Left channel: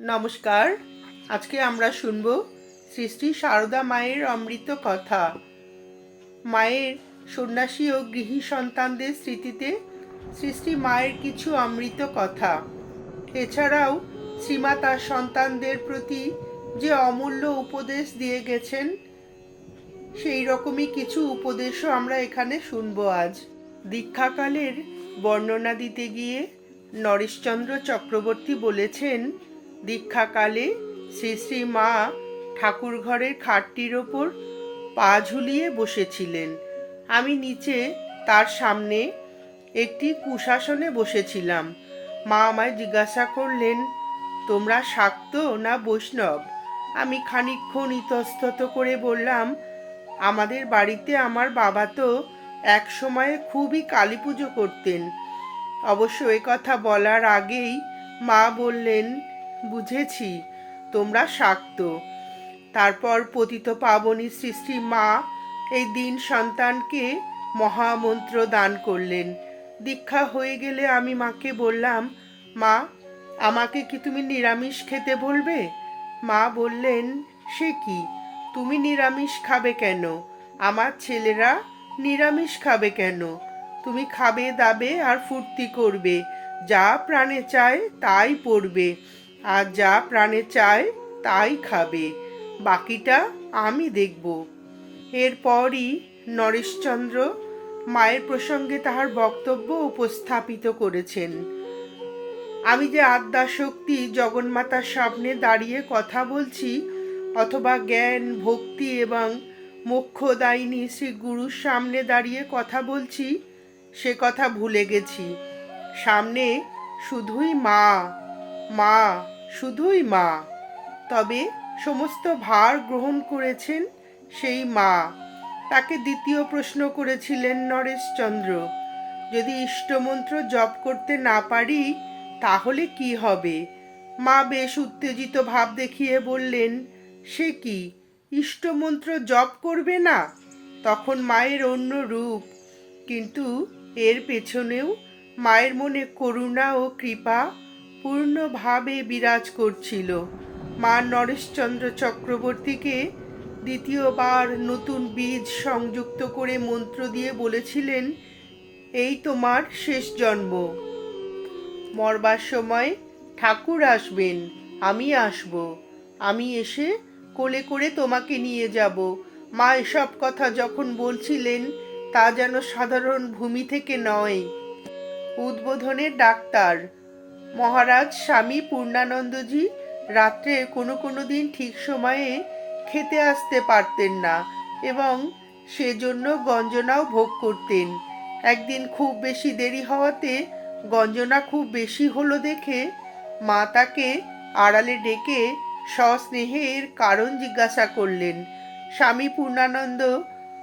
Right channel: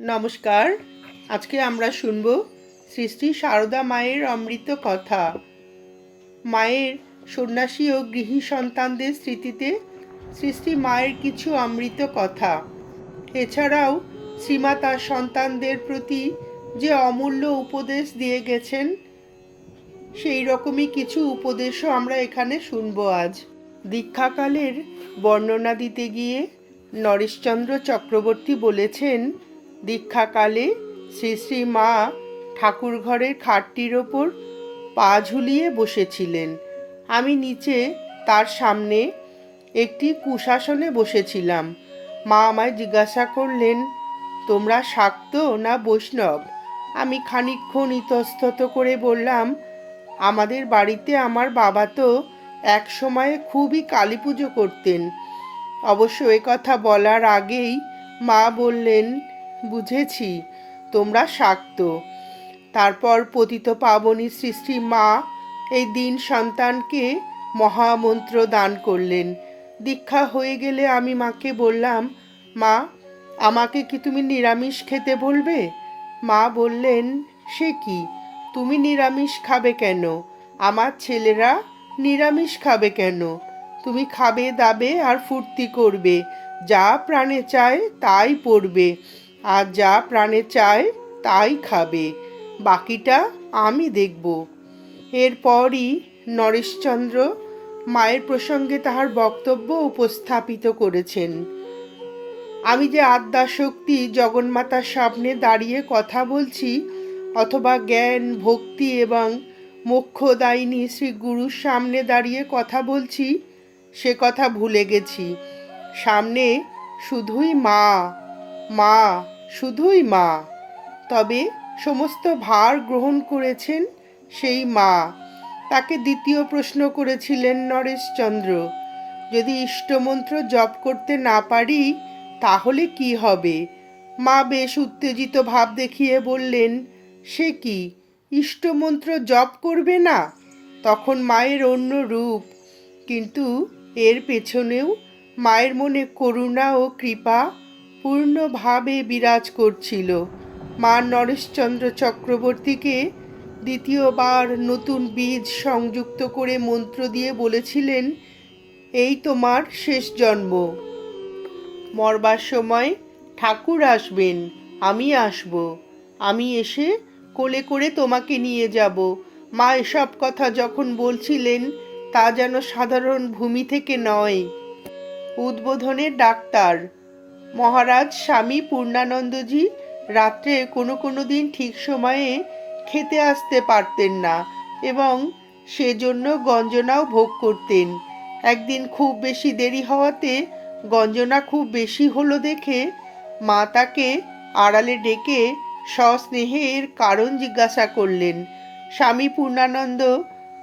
নমস্কার। আজকে আমরা শুনব শ্রী শ্রী সারদা মায়ের অমৃত কথা। মায়ের সন্ন্যাসী ও গৃহী সন্তানদের স্মৃতিতে শ্রী শ্রী মায়ের কিছু অমৃত কথা। এছাড়াও শ্রীমা তার সন্তানদের প্রতি যে অমূল্য উপদেশ দিয়ে গেছেন, সেই রকমই কিছু উপদেশও আমরা এখানে শুনব আজ। দীক্ষাকালের বর্ণনা দিতে গিয়ে নরেশচন্দ্র চক্রবর্তী বলেছেন দীক্ষাকালে শ্রী শ্রী মা ঠাকুর ঘরের খাটটির ওপর পা ঝুলিয়ে বসেছিলেন। আমি নিচে তার সামনে একটি কুশাসনে বসেছিলাম। মা আমায় জিজ্ঞাসা করলেন, তোমরা শাক্ত না বৈষ্ণব? আমি খানিকক্ষণ ইতস্তত করে বললাম, আমাদের বাড়িতে আমার বাবা তো এক সময়ে খুবই কালী পুজো করতেন। অবশ্য কথা বলার আগেই মা বললেন বুঝেছি, তোমরা শাক্ত। তারপর পতিত পাবনী সৃষ্টি মা এই দিন সন্তানকে মহামন্ত্র দান করলেন। দীক্ষা হয়ে গেলে আমি মাকে বললাম, মা, আমাকে কি তুমি নিরামিষ খেতে বলবে? মা বললেন, সে কি? তুমি নিরামিষ খাবে কেন? আমার ছেলেরা নিরামিষ খাবে কেন? তুমি খাবে, দাবে আর ফুর্তি করবে। যা প্রাণে চায় তাই পড়বে। আর যা প্রাণে চায় তাই খাবে। বাকিটা আমি দেখব। এরপরই নরেশচন্দ্র মায়ের প্রসঙ্গে তাহার বক্তব্য উপস্থাপিত করেছেন। আমি যে আদ্যা শক্তি জগন্মাতার সামনে দাঁড়িয়ে কথা বলছি, অথবা জ্ঞান, ভক্তি এবং মোক্ষদায়িনী শ্রী গুরুর সামনে দাঁড়িয়ে কথা বলছি, সে কথা ভুলে গেছি। সামনে শুধুই মা। মা, শুধুই মা। তবে সমস্ত ভার গ্রহণ করেছেন সেই মা। তাকে দ্বিতীয় প্রশ্ন করেছিলেন নরেশচন্দ্র, যদি ইষ্টমন্ত্র জপ করতে না পারি, তাহলে কি হবে? মা বেশ উত্তেজিত ভাব দেখিয়ে বললেন, সে কি, ইষ্টমন্ত্র জপ করবে না? তখন মায়ের অন্য রূপ। কিন্তু এর পেছনেও মায়ের মনে করুণা ও কৃপা পূর্ণভাবে বিরাজ করছিল। মা নরেশচন্দ্র চক্রবর্তীকে দ্বিতীয়বার নতুন বীজ সংযুক্ত করে মন্ত্র দিয়ে বলেছিলেন, এই তোমার শেষ জন্ম। মরবার সময় ঠাকুর আসবেন, আমি আসব। আমি এসে কোলে করে তোমাকে নিয়ে যাব। মা এসব কথা যখন বলছিলেন, তা যেন সাধারণ ভূমি থেকে নয়। উদ্বোধনের ডাক্তার মহারাজ, স্বামী পূর্ণানন্দজি রাত্রে কোনো কোনো দিন ঠিক সময়ে খেতে আসতে পারতেন না এবং সেজন্য গঞ্জনাও ভোগ করতেন। একদিন খুব বেশি দেরি হওয়াতে গঞ্জনা খুব বেশি হলো দেখে মা তাকে আড়ালে ডেকে সস্নেহের কারণ জিজ্ঞাসা করলেন। স্বামী পূর্ণানন্দ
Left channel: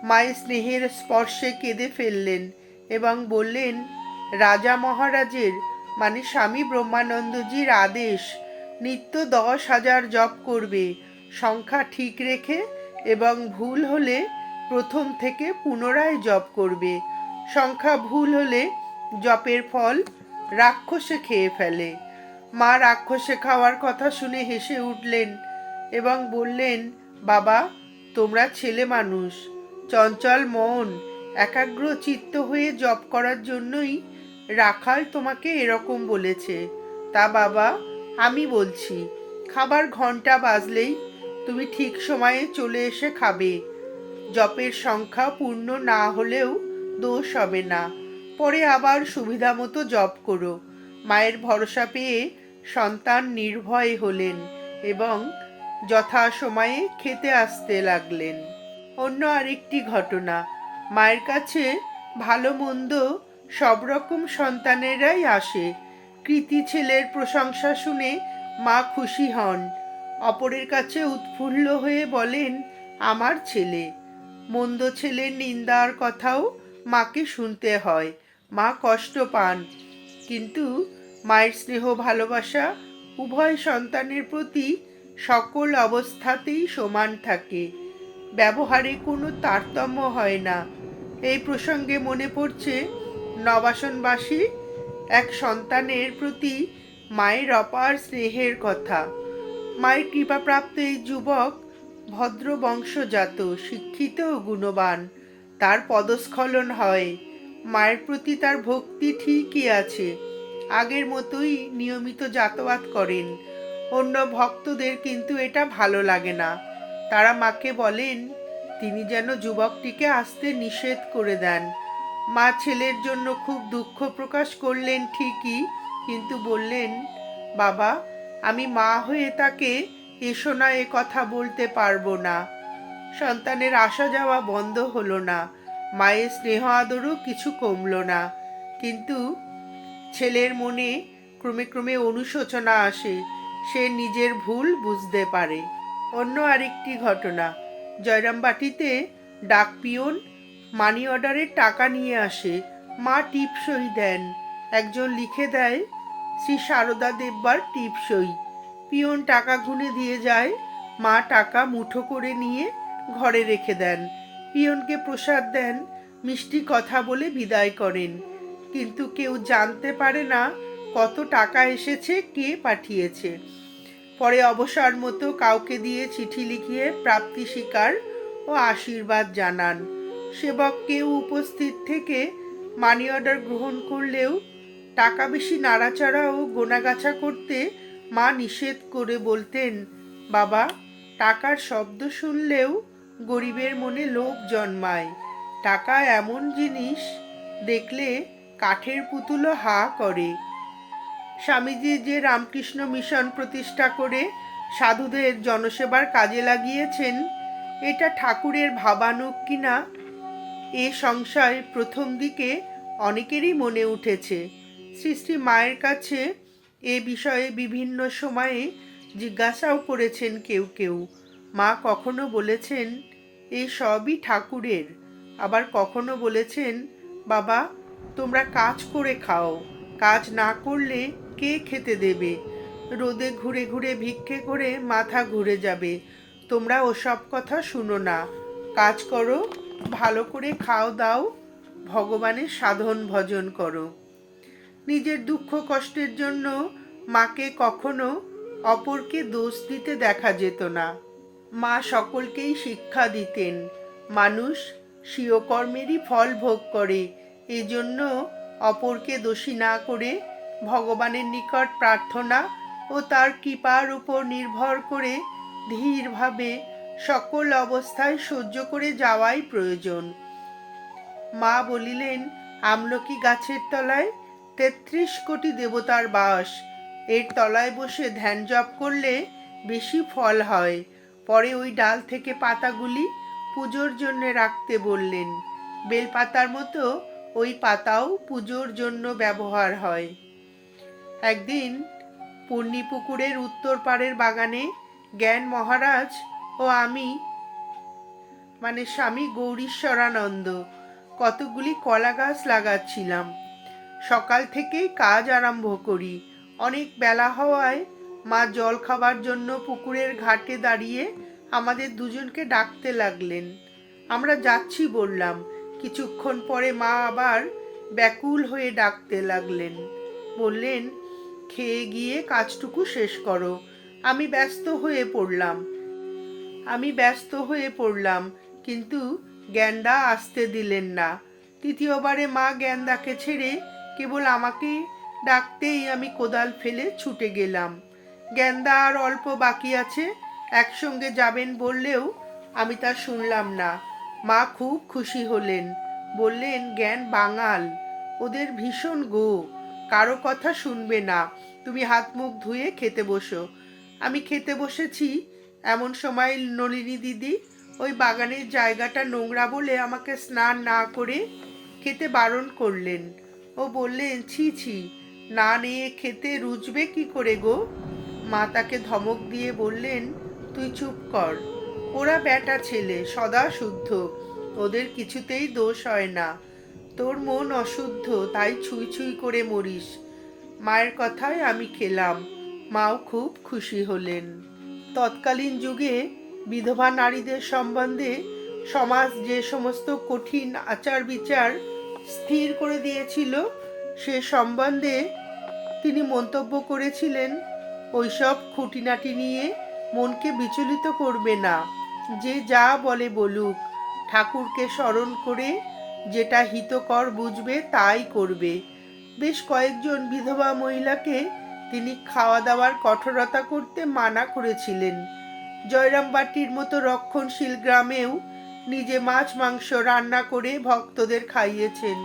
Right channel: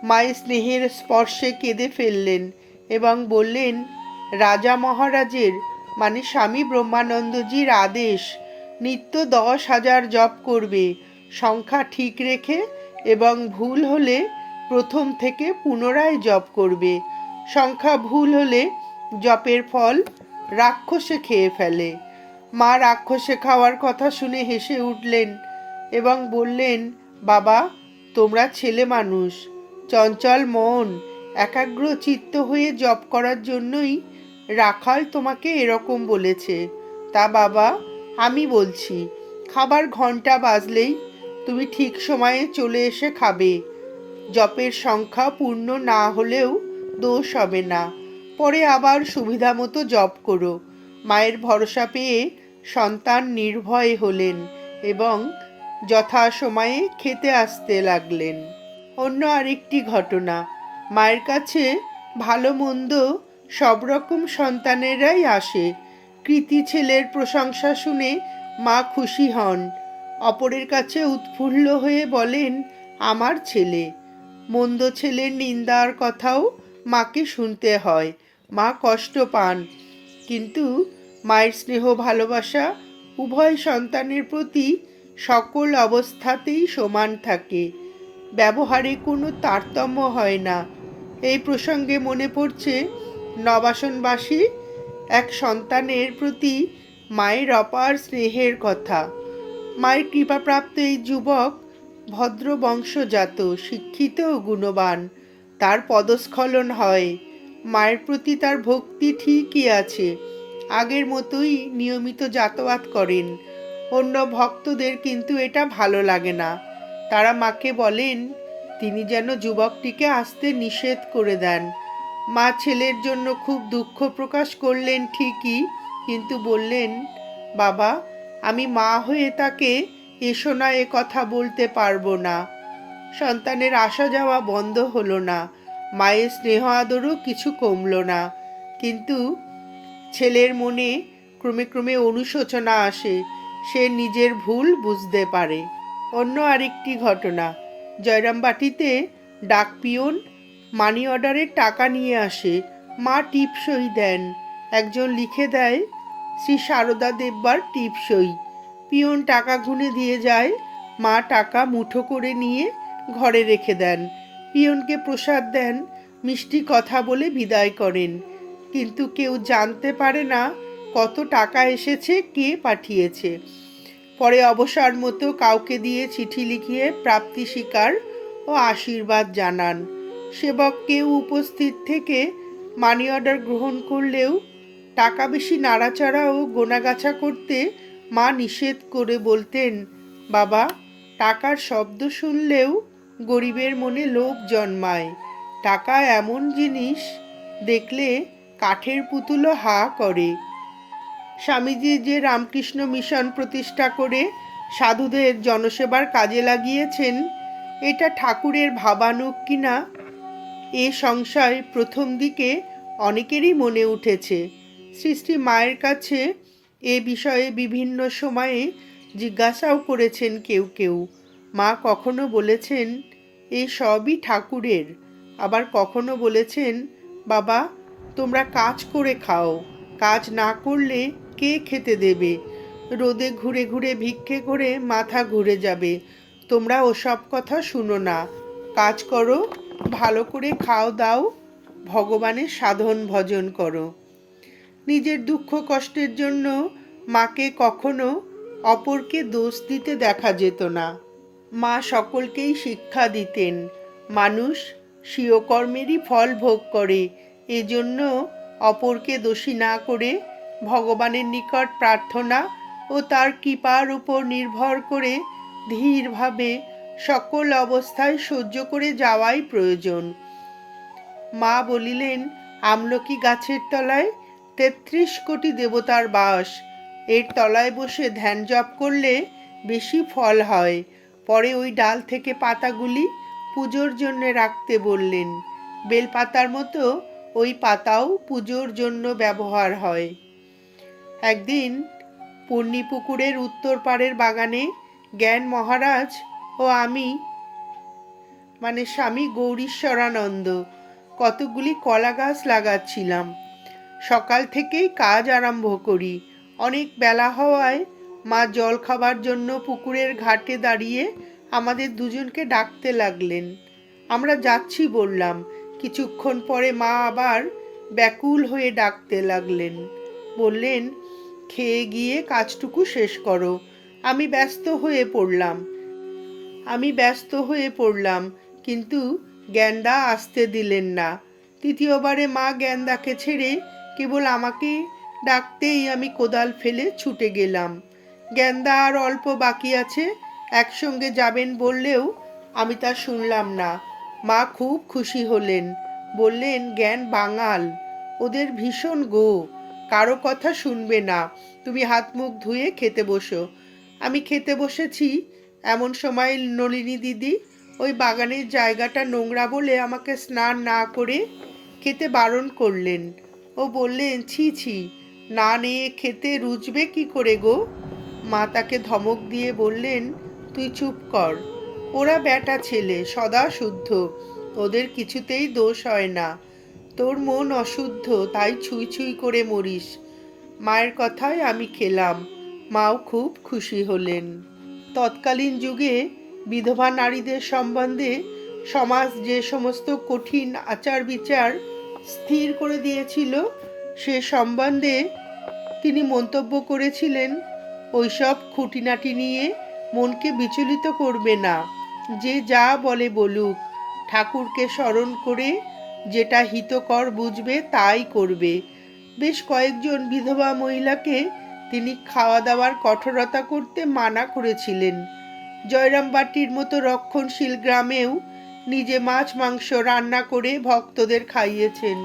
মায়ের স্নেহের স্পর্শে কেঁদে ফেললেন এবং বললেন, রাজা মহারাজের মানে স্বামী ব্রহ্মানন্দজির আদেশ, নিত্য দশ হাজার জপ করবে, সংখ্যা ঠিক রেখে এবং ভুল হলে প্রথম থেকে পুনরায় জপ করবে। সংখ্যা ভুল হলে জপের ফল রাক্ষসে খেয়ে ফেলে। মা রাক্ষসে খাওয়ার কথা শুনে হেসে উঠলেন এবং বললেন, বাবা, তোমরা ছেলে মানুষ, চঞ্চল মন একাগ্র চিত্ত হয়ে জপ করার জন্যই রাখাল তোমাকে এরকম বলেছে। তা বাবা, আমি বলছি, খাবার ঘণ্টা বাজলেই তুমি ঠিক সময়ে চলে এসে খাবে। জপের সংখ্যা পূর্ণ না হলেও দোষ হবে না। পরে আবার সুবিধা মতো জপ করো। মায়ের ভরসা পেয়ে সন্তান নির্ভয় হলেন এবং যথা সময়ে খেতে আসতে লাগলেন। অন্য আরেকটি ঘটনা, মায়ের কাছে ভালো মন্দ সব রকম সন্তানেরাই আসে। কৃতি ছেলের প্রশংসা শুনে মা খুশি হন। অপরের কাছে উৎফুল্ল হয়ে বলেন, আমার ছেলে। মন্দ ছেলের নিন্দার কথাও মাকে শুনতে হয়। মা কষ্ট পান। কিন্তু মায়ের স্নেহ ভালোবাসা উভয় সন্তানের প্রতি সকল অবস্থাতেই সমান থাকে। ব্যবহারে কোনো তারতম্য হয় না। এই প্রসঙ্গে মনে পড়ছে নবাসনবাসী এক সন্তানের প্রতি মায়ের অপার স্নেহের কথা। মায়ের কৃপাপ্রাপ্ত এই যুবক ভদ্র বংশজাত শিক্ষিত ও গুণবান। তার পদস্খলন হয়। মায়ের প্রতি তার ভক্তি ঠিকই আছে। আগের মতোই নিয়মিত যাতায়াত করেন। অন্য ভক্তদের কিন্তু এটা ভালো লাগে না। তারা মাকে বলেন, তিনি যেন যুবকটিকে আসতে নিষেধ করে দেন। মা ছেলের জন্য খুব দুঃখ প্রকাশ করলেন ঠিকই, কিন্তু বললেন, বাবা, আমি মা হয়ে তাকে এসো না, এ কথা বলতে পারব না। সন্তানের আসা যাওয়া বন্ধ হলো না, মায়ের স্নেহ আদরও কিছু কমলো না। কিন্তু ছেলের মনে ক্রমে ক্রমে অনুশোচনা আসে, সে নিজের ভুল বুঝতে পারে। অন্য আরেকটি ঘটনা, জয়রামবাটিতে ডাক পিয়ন মানি অর্ডারের টাকা নিয়ে আসে। মা টিপসই দেন। একজন লিখে দেয়, শ্রী সারদা দেববার টিপসই। পিয়ন টাকা গুনে দিয়ে যায়। মা টাকা মুঠো করে নিয়ে ঘরে রেখে দেন। পিয়নকে প্রসাদ দেন, মিষ্টি কথা বলে বিদায় করেন। কিন্তু কেউ জানতে পারে না কত টাকা এসেছে, কে পাঠিয়েছে। পরে অবসর মতো কাউকে দিয়ে চিঠি লিখিয়ে প্রাপ্তি স্বীকার ও আশীর্বাদ জানান। সেবক কেউ উপস্থিত থেকে মানি অর্ডার গ্রহণ করলেও টাকা বেশি নাড়াচাড়া ও গোনাগাছা করতে মা নিষেধ করে বলতেন, বাবা, টাকার শব্দ শুনলেও গরিবের মনে লোভ জন্মায়। টাকা এমন জিনিস দেখলে কাঠের পুতুলও হা করে। স্বামীজি যে রামকৃষ্ণ মিশন প্রতিষ্ঠা করে সাধুদের জনসেবার কাজে লাগিয়েছেন, এটা ঠাকুরের ভাবানুক কিনা এ সংশয় প্রথম দিকে অনেকেরই মনে উঠেছে। সৃষ্টি মায়ের কাছে এ বিষয়ে বিভিন্ন সময়ে জিজ্ঞাসাও করেছেন কেউ কেউ। মা কখনো বলেছেন, এ সবই ঠাকুরের। আবার কখনো বলেছেন, বাবা, তোমরা কাজ করে খাও। কাজ না করলে কে খেতে দেবে? রোদে ঘুরে ঘুরে ভিক্ষে করে মাথা ঘুরে যাবে। তোমরা ওসব কথা শুনো না। কাজ করো ভালো করে খাও দাও, ভগবানের সাধন ভজন করো। নিজের দুঃখ কষ্টের জন্য মাকে কখনো অপরকে দোষ দিতে দেখা যেত না। মা সকলকেই শিক্ষা দিতেন, মানুষ স্বীয় কর্মেরই ফল ভোগ করে, এজন্য অপরকে দোষী না করে ভগবানের নিকট প্রার্থনা ও তার কৃপার উপর নির্ভর করে ধীরভাবে সকল অবস্থায় সহ্য করে যাওয়াই প্রয়োজন। মা বলিলেন, আমলকি গাছের তলায় তেত্রিশ কোটি দেবতার বাস। এর তলায় বসে ধ্যান জপ করলে বেশি ফল হয়। পরে ওই ডাল থেকে পাতাগুলি পুজোর জন্য রাখতে বললেন। বেলপাতার মতো ওই পাতাও পুজোর জন্য ব্যবহার হয়। একদিন পূর্ণিপুকুরের উত্তর পাড়ের বাগানে জ্ঞান মহারাজ ও আমি? মানে স্বামী গৌরীশ্বরানন্দ কতগুলি কলা গাছ লাগাচ্ছিলাম। সকাল থেকেই কাজ আরম্ভ করি। অনেক বেলা হওয়ায় মা জল খাবার জন্য পুকুরের ঘাটে দাঁড়িয়ে আমাদের দুজনকে ডাকতে লাগলেন। আমরা যাচ্ছি বললাম। কিছুক্ষণ পরে মা আবার ব্যাকুল হয়ে ডাকতে লাগলেন। বললেন, খেয়ে গিয়ে কাজটুকু শেষ করো। আমি ব্যস্ত হয়ে পড়লাম। আমি ব্যস্ত হয়ে পড়লাম, কিন্তু গ্যান্ডা আসতে দিলেন না। তৃতীয়বারে মা গ্যান্দাকে ছেড়ে কেবল আমাকে ডাকতেই আমি কোদাল ফেলে ছুটে গেলাম। গ্যান্দা আর অল্প বাকি আছে, একসঙ্গে যাবেন বললেও আমি তা শুনলাম না। মা খুব খুশি হলেন, বললেন, জ্ঞান বাঙাল, ওদের ভীষণ গো, কারও কথা শুনবে না। তুমি হাত মুখ ধুয়ে খেতে বসো। আমি খেতে বসেছি এমন সময় নলিনী দিদি, ওই বাগানের জায়গাটা নোংরা বলে আমাকে স্নান না করে খেতে বারণ করলেন। ও বললেন, ছি ছি, না নিয়ে খেতে রুচবে কি করে গো? মা তাকে ধমক দিয়ে বললেন, তুই চুপ কর, ওরা বেটা ছেলে, সদা শুদ্ধ, ওদের কিছুতেই দোষ হয় না। তোর মন অশুদ্ধ, তাই ছুঁই ছুঁই করে মরিস। মায়ের কথায় আমি খেলাম। মাও খুব খুশি হলেন। তৎকালীন যুগে বিধবা নারীদের সম্বন্ধে সমাজ যে সমস্ত কঠিন আচার বিচার স্থির করে দিয়েছিল, সে সম্বন্ধে তিনি মন্তব্য করেছিলেন, ওইসব খুঁটিনাটি নিয়ে মনকে বিচলিত করবে না। যে যা বলে বলুক, ঠাকুরকে স্মরণ করে যেটা হিতকর বুঝবে তাই করবে। বেশ কয়েকজন বিধবা মহিলাকে তিনি খাওয়া দাওয়ার কঠোরতা করতে মানা করেছিলেন। জয়রামবাটির মতো রক্ষণশীল গ্রামেও নিজে মাছ, মাংস রান্না করে ভক্তদের খাইয়েছেন।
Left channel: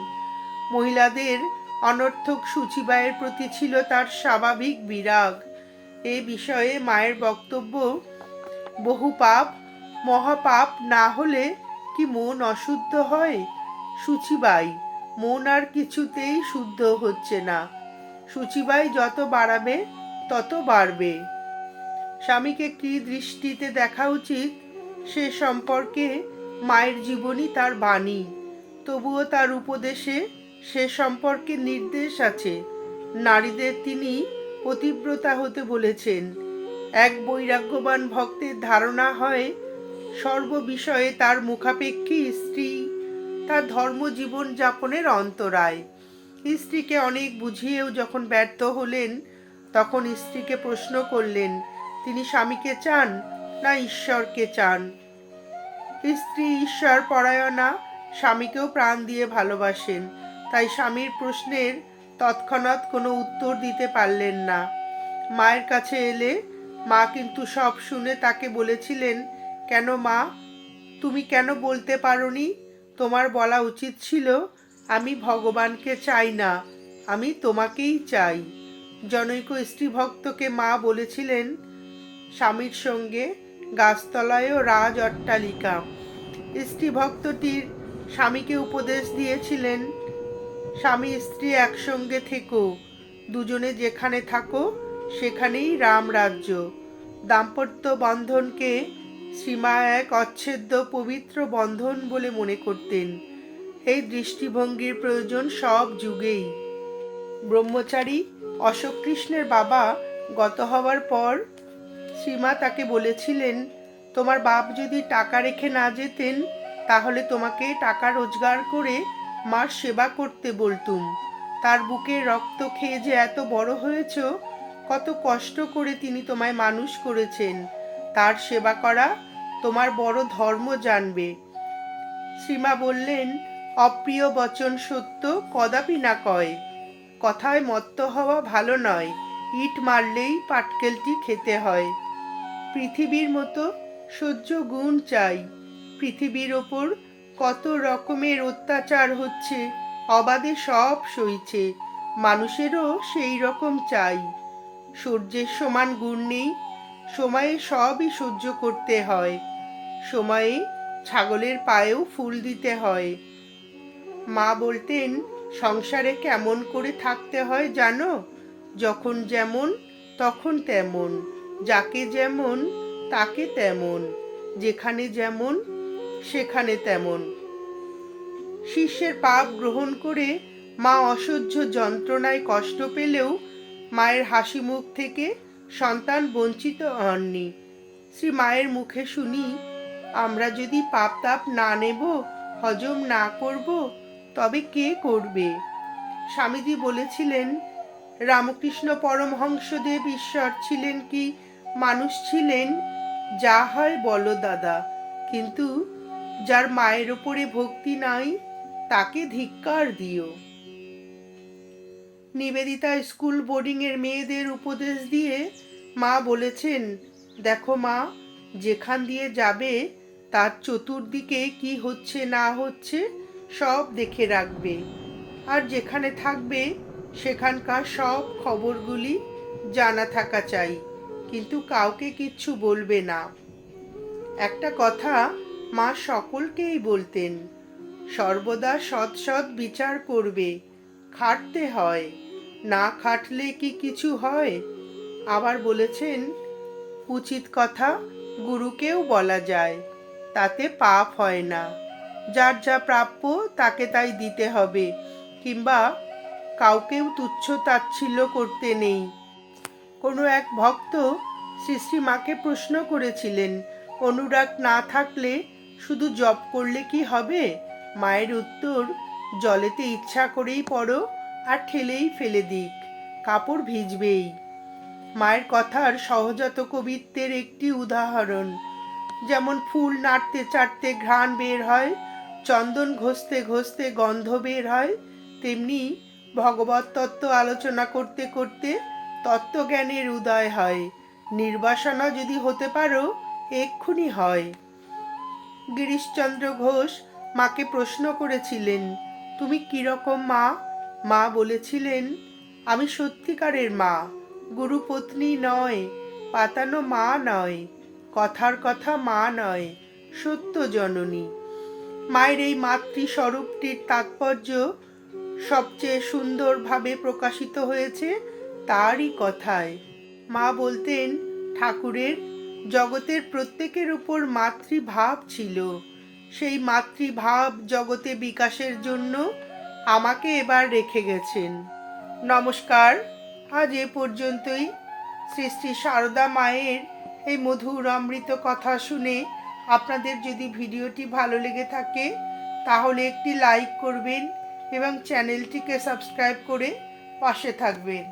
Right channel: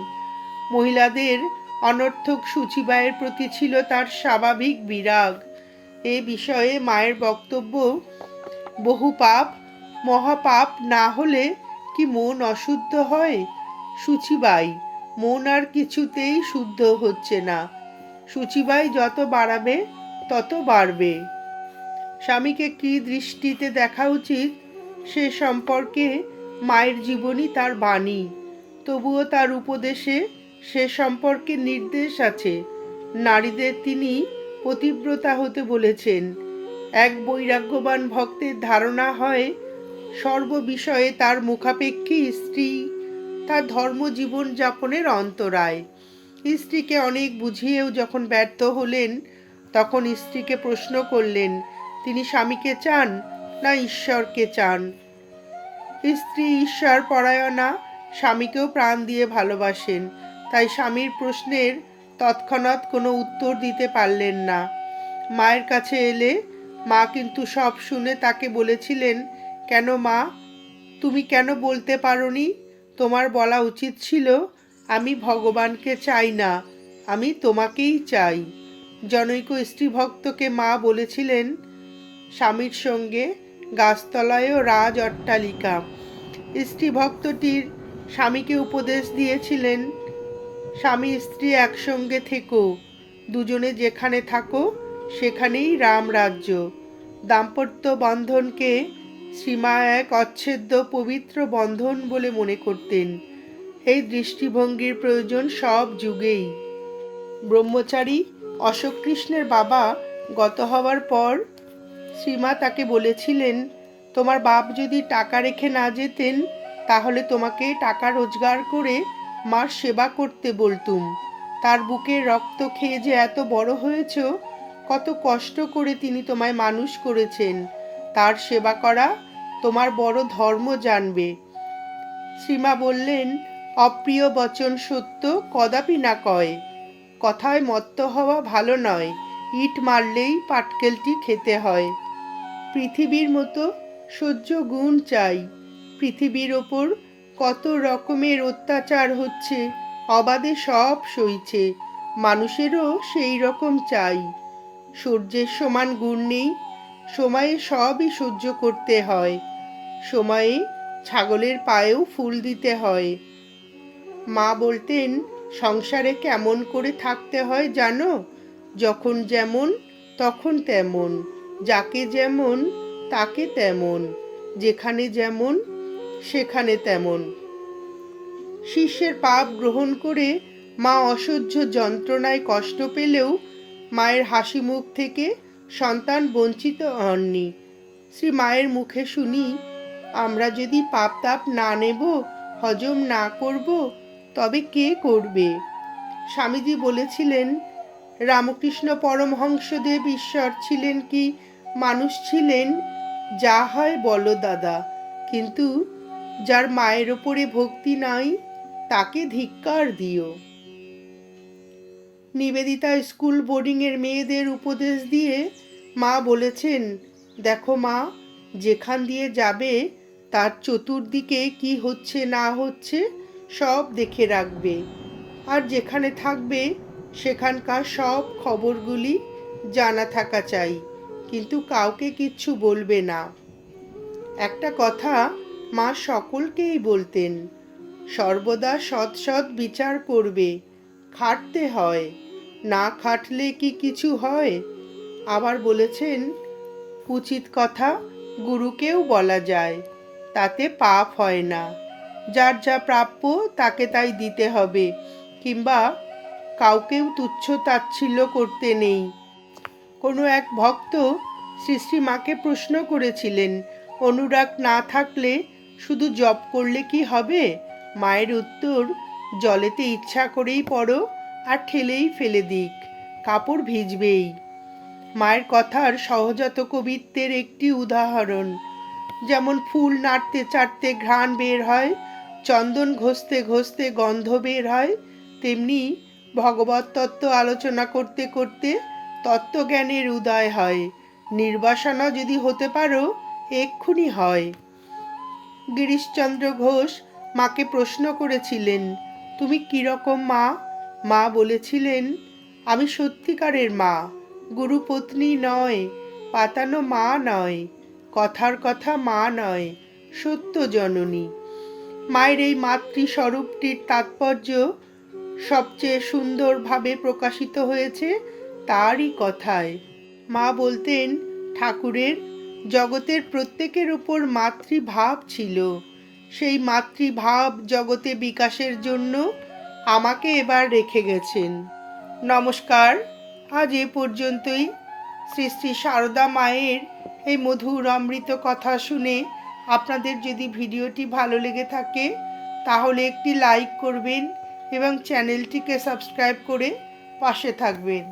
মহিলাদের অনর্থক সূচিবায়ের প্রতি ছিল তার স্বাভাবিক বিরাগ। এ বিষয়ে মায়ের বক্তব্য, বহু পাপ, মহাপাপ না হলে কি মন অশুদ্ধ হয়? সূচিবাই, মন আর কিছুতেই শুদ্ধ হচ্ছে না। সূচিবাই যত বাড়াবে, তত বাড়বে। স্বামীকে কি দৃষ্টিতে দেখা উচিত? সে সম্পর্কে মায়ের জীবনী তার বাণী। তবুও তার উপদেশে সে সম্পর্কে নির্দেশ আছে। নারীদের তিনি পতিব্রতা হতে বলেছেন। এক বৈরাগ্যবান ভক্তের ধারণা হয়, সর্ববিষয়ে তার মুখাপেক্ষী স্ত্রী তার ধর্মজীবন যাপনের অন্তরায়। স্ত্রীকে অনেক বুঝিয়েও যখন ব্যর্থ হলেন, তখন স্ত্রীকে প্রশ্ন করলেন, তিনি স্বামীকে চান না ঈশ্বরকে চান? স্ত্রী ঈশ্বর পরায়ণা স্বামীকেও প্রাণ দিয়ে ভালোবাসেন, তাই স্বামীর প্রশ্নের তৎক্ষণাৎ কোনো উত্তর দিতে পারলেন না। মায়ের কাছে এলে মা কিন্তু সব শুনে তাকে বলেছিলেন, কেন মা, তুমি কেন বলতে পারোনি? তোমার বলা উচিত ছিল আমি ভগবানকে চাই না, আমি তোমাকেই চাই। জনৈক স্ত্রী ভক্তকে মা বলেছিলেন, স্বামীর সঙ্গে গাছতলায়ও রাজ অট্টালিকা। স্ত্রী ভক্তটির স্বামীকে উপদেশ দিয়েছিলেন, স্বামী স্ত্রী একসঙ্গে থেকো, দুজনে যেখানে থাকো সেখানেই রাম রাজ্য। দাম্পত্য বন্ধনকে সীমা এক অচ্ছেদ্য পবিত্র বন্ধন বলে মনে করতেন। এই দৃষ্টিভঙ্গির প্রয়োজন সব যুগেই। ব্রহ্মচারী অশোক কৃষ্ণের বাবা গত হওয়ার পর শ্রীমা তাকে বলেছিলেন, তোমার বাপ যদি টাকা রেখে না যেতেন, তাহলে তোমাকে টাকা রোজগার করে মার সেবা করতে বলতুম। তার বুকে রক্ত খেয়ে যে এত বড় হয়েছ, কত কষ্ট করে তিনি তোমায় মানুষ করেছেন। তার সেবা করা তোমার বড় ধর্ম জানবে। শ্রীমা বললেন অপ্রিয় বচন সত্য কদাপি না কয়। কথায় মত্ত হওয়া ভালো নয়, ইট মারলেই পাটকেলটি খেতে হয়। পৃথিবীর মতো সহ্য গুণ চাই, পৃথিবীর ওপর কত রকমের অত্যাচার হচ্ছে, অবাধে সব সইছে, মানুষেরও সেই রকম চাই। সূর্যের সমান গুণ নেই, সময়ে সবই সহ্য করতে হয়, সময়ে ছাগলের পায়েও ফুল দিতে হয়। মা বলতেন, সংসারে কেমন করে থাকতে হয় জানো? যখন যেমন, তখন তেমন। যাকে যেমন, তাকে তেমন। যেখানে যেমন, সেখানে তেমন। শিষ্যের পাপ গ্রহণ করে মা অসহ্য যন্ত্রণায় কষ্ট পেলেও মায়ের হাসি মুখ থেকে সন্তান বঞ্চিত হননি। শ্রী মায়ের মুখে শুনি, আমরা যদি পাপ তাপ না নেব, হজম না করব তবে কে করবে? স্বামীজি বলেছিলেন, রামকৃষ্ণ পরমহংসদেব ঈশ্বর ছিলেন কি? মানুষ ছিলেন? যা হয় বলো দাদা। কিন্তু যার মায়ের ওপরে ভক্তি নাই, তাকে ধিক্কার দিও। নিবেদিতা স্কুল বোর্ডিংয়ের মেয়েদের উপদেশ দিয়ে মা বলেছেন, দেখো মা, যেখান দিয়ে যাবে, তার চতুর্দিকে কি হচ্ছে না হচ্ছে সব দেখে রাখবে। আর যেখানে থাকবে, সেখানকার সব খবরগুলি জানা থাকা চাই, কিন্তু কাউকে কিচ্ছু বলবে না। একটা কথা মা সকলকেই বলতেন, সর্বদা সৎ সৎ বিচার করবে, খাটতে হয়, না খাটলে কি কিছু হয়? আবার বলেছেন, উচিত কথা গুরুকেও বলা যায়, তাতে পাপ হয় না। যার যা প্রাপ্য তাকে তাই দিতে হবে, কিংবা কাউকেও তুচ্ছ তাচ্ছিল্য করতে নেই। কোনো এক ভক্ত শ্রী মাকে প্রশ্ন করেছিলেন, অনুরাগ না থাকলে শুধু জপ করলে কি হবে? মায়ের উত্তর, জলেতে ইচ্ছা করেই পড়ো আর ঠেলেই ফেলে দিক, কাপড় ভিজবেই। মায়ের কথার সহজাত কবিত্বের একটি উদাহরণ, যেমন ফুল নাড়তে চাটতে ঘ্রাণ বের হয় চন্দন ঘষতে ঘষতে গন্ধ বের হয়, তেমনি ভগবত তত্ত্ব আলোচনা করতে করতে তত্ত্বজ্ঞানের উদয় হয়। নির্বাসনা যদি হতে পারো, এক্ষুনি হয়। গিরিশচন্দ্র ঘোষ মাকে প্রশ্ন করেছিলেন, তুমি কীরকম মা? মা বলেছিলেন, আমি সত্যিকারের মা। গুরুপত্নী নয়, পাতানো মা নয়, কথার কথা মা নয়, সত্য জননী। মায়ের এই মাতৃস্বরূপটির তাৎপর্য সবচেয়ে সুন্দরভাবে প্রকাশিত হয়েছে তারই কথায়। মা বলতেন, ঠাকুরের জগতের প্রত্যেকের উপর মাতৃভাব ছিল। সেই মাতৃভাব জগতে বিকাশের জন্য আমাকে এবার রেখে গেছেন। নমস্কার। আজ এ পর্যন্তই। শ্রী শ্রী সারদা মায়ের এই মধুর অমৃত কথা শুনে আপনাদের যদি ভিডিওটি ভালো লেগে থাকে, তাহলে একটি লাইক করবেন এবং চ্যানেলটিকে সাবস্ক্রাইব করে পাশে থাকবেন।